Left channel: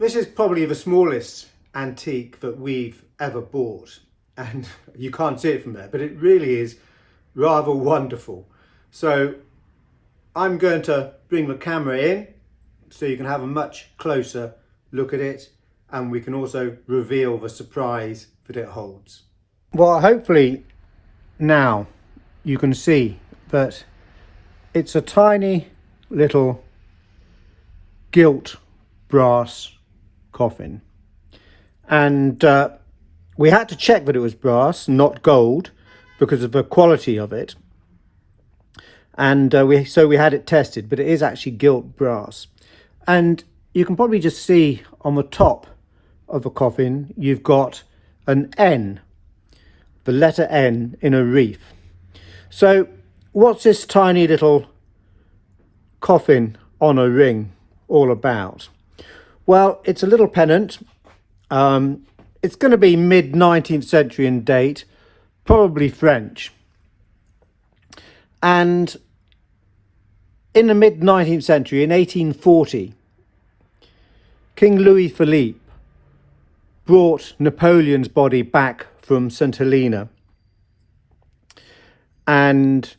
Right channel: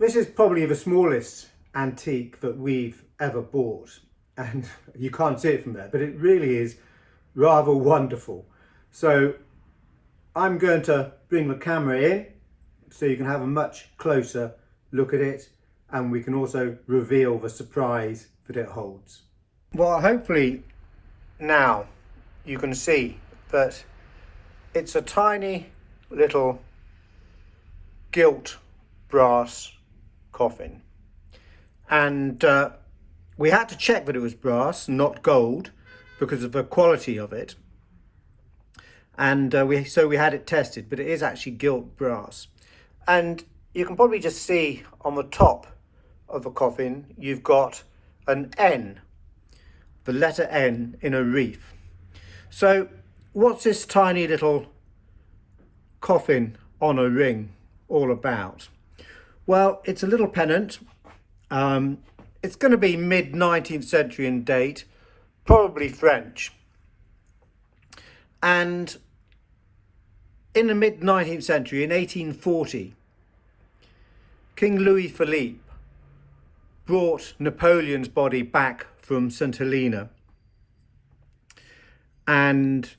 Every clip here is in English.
This is probably the smallest antique that we've ever bought, and you can't see it from there, but it really is rather wonderful. So I'm going to bring the camera in so you can have a much closer look at it, and we can also reveal the surprise that it holds. Well, hopefully now you can see that it's a tiny little gilt brass coffin, and we had to check that it was brass, not gold, because of the quality of it, and we had it tested, but it is actually gilt brass. And you can probably just see on the top of the coffin you've got an N, the letter N in a reef. So what's this tiny little coffin on a ring all about? Well, it's a little pennant. It's going to be mid-19th century in date, probably French. And in the mid-19th century, in 1840, King Louis Philippe brought Napoleon's body back from St. Helena and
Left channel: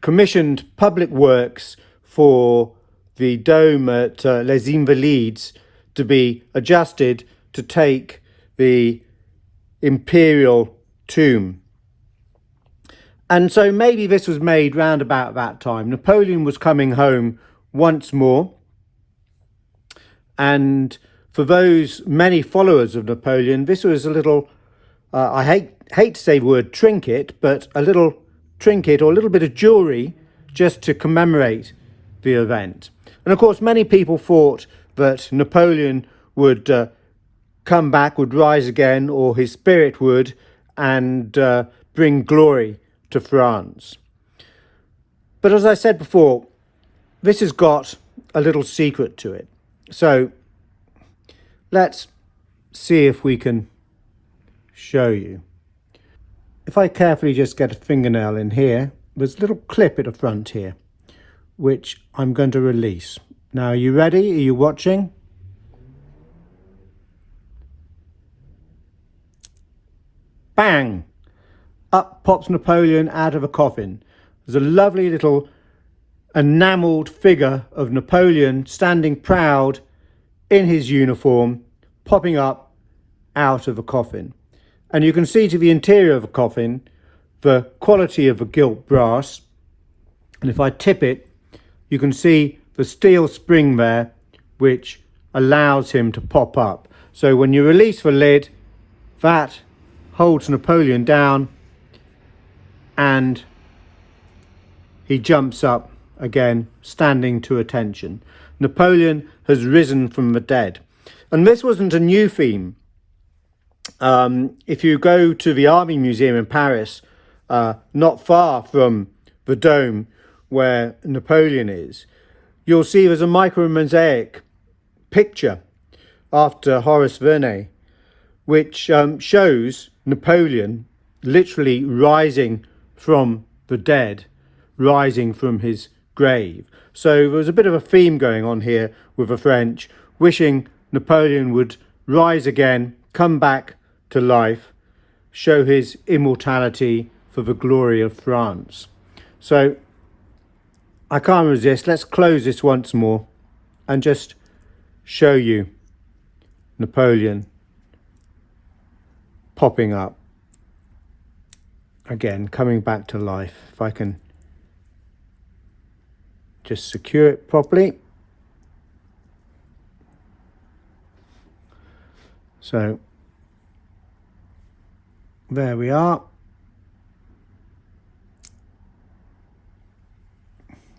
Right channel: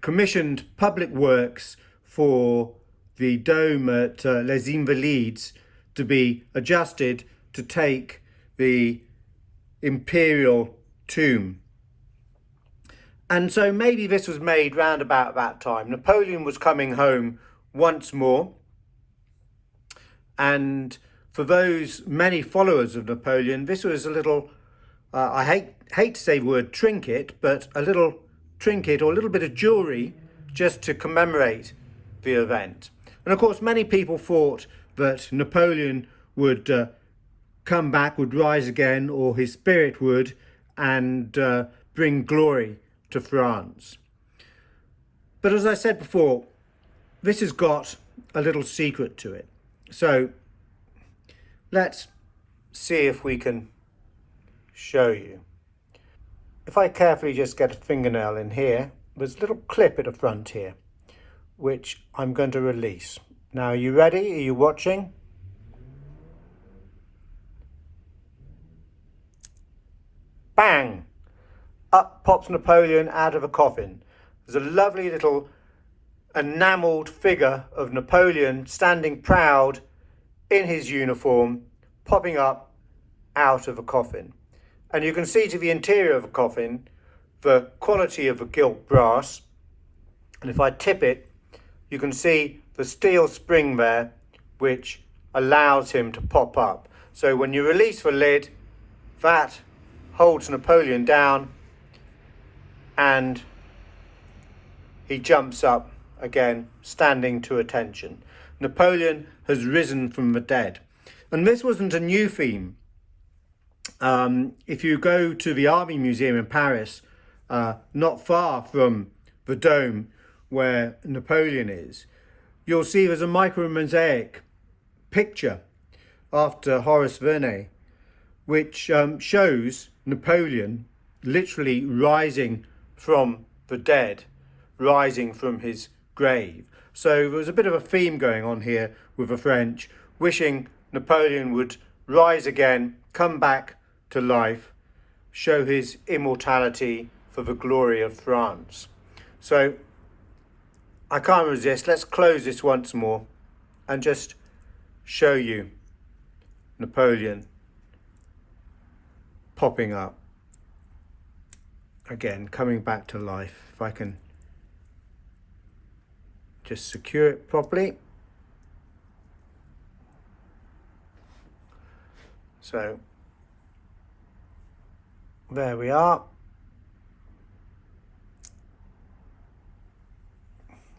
commissioned public works for the dome at Les Invalides to be adjusted to take the imperial tomb. And so maybe this was made round about that time. Napoleon was coming home once more, and for those many followers of Napoleon, this was a little, I hate to say the word trinket, but a little trinket or a little bit of jewellery just to commemorate the event. And of course, many people thought that Napoleon would come back, would rise again, or his spirit would, and bring glory to France. But as I said before, this has got a little secret to it. So let's see if we can show you. If I carefully just get a fingernail in here, there's a little clip at the front here, which I'm going to release. Now, are you ready? Are you watching? Bang! Up pops Napoleon out of a coffin. There's a lovely little enamelled figure of Napoleon standing proud in his uniform, popping up out of a coffin. And you can see to the interior of the coffin the quality of the gilt brass. And if I tip it, you can see the steel spring there, which allows him to pop up. So when you release the lid, that holds Napoleon down and he jumps up again, standing to attention. Napoleon has risen from the dead. And this wasn't a new theme. If you go to the Army Museum in Paris, not far from the dome where Napoleon is, you'll see there's a micro-mosaic picture after Horace Vernet, which shows Napoleon literally rising from the dead, rising from his grave. So there's a bit of a theme going on here with the French, wishing Napoleon would rise again, come back to life, show his immortality for the glory of France. So I can't resist. Let's close this once more and just show you Napoleon popping up again, coming back to life. If I can just secure it properly. So there we are.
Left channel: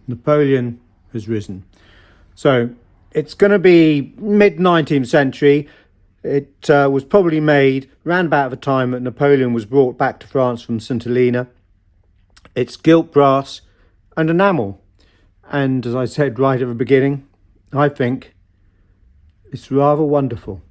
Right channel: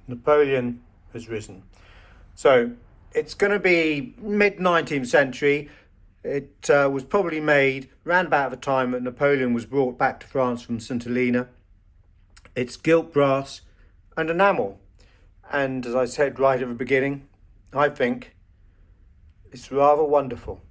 Napoleon has risen. So it's going to be mid-19th century. It was probably made around about the time that Napoleon was brought back to France from St. Helena. It's gilt brass and enamel. And as I said right at the beginning, I think it's rather wonderful.